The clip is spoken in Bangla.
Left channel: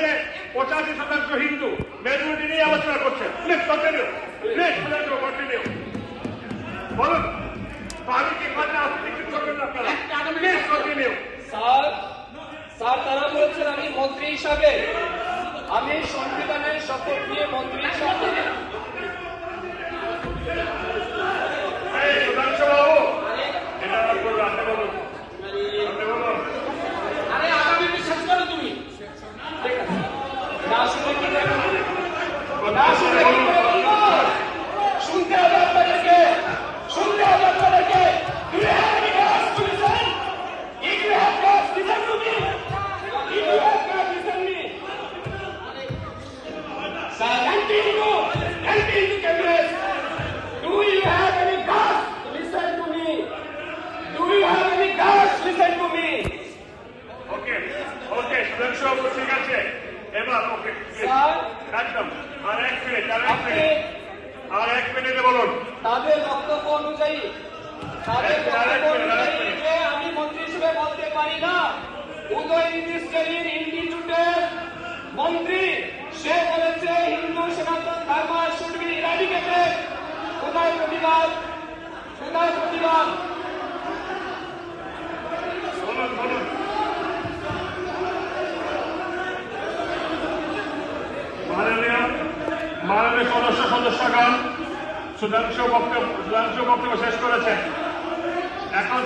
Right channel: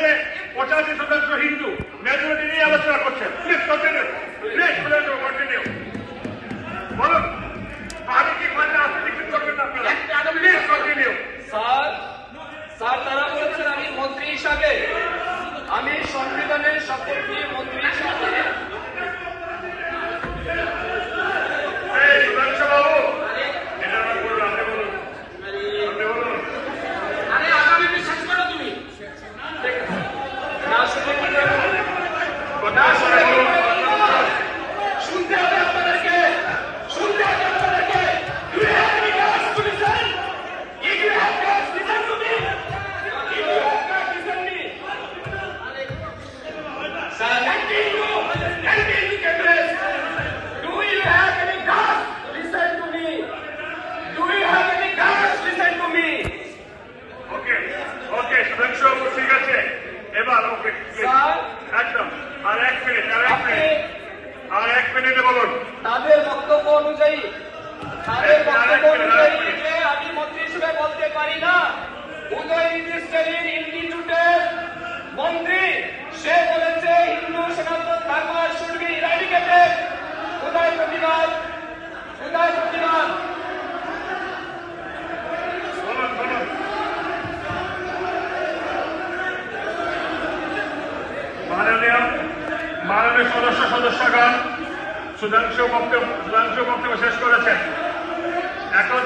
দেশে পঁচাশি শতাংশ হিন্দু। মেজরিটি নিয়ে আলোচনা করছেন। প্লিজ কন্টিনিউ প্লিজ কন্টিনিউ বলুন আমি কি খাতে আপনি কি করবেন না আপনারা প্লিজ কন্টিনিউ স্যার স্যার তারা বলছেন আমি মন্ত্রী হিসাবে আমি সংবিধানের শপথ নিয়ে মন্ত্রী হিসাবে। ওকে সুধাংশু ঠিক আছে। এবার ওকে একদম। আর এক মিনিট আর এক মিনিট আর এক মিনিটে বলুন। তাদের বক্তব্য অনুযায়ী তাদের বক্তব্য অনুযায়ী আমি মন্ত্রী হিসেবে বলতে পারি না উদয় ইন্ডাস্ট্রির ইনস্টিটিউটের মন্ত্রী সে বলেছে হিন্দু সনাতন ধর্ম শুড বি ইরাডিকেটেড উদয় প্রতিবাদ উদয় প্রতিবাদ বলুন বলুন মাননীয় মাননীয় সদস্য সদস্যগণ সুধাংশু বক্তব্য সুধাংশু বক্তব্য শেষ করেছেন। এখন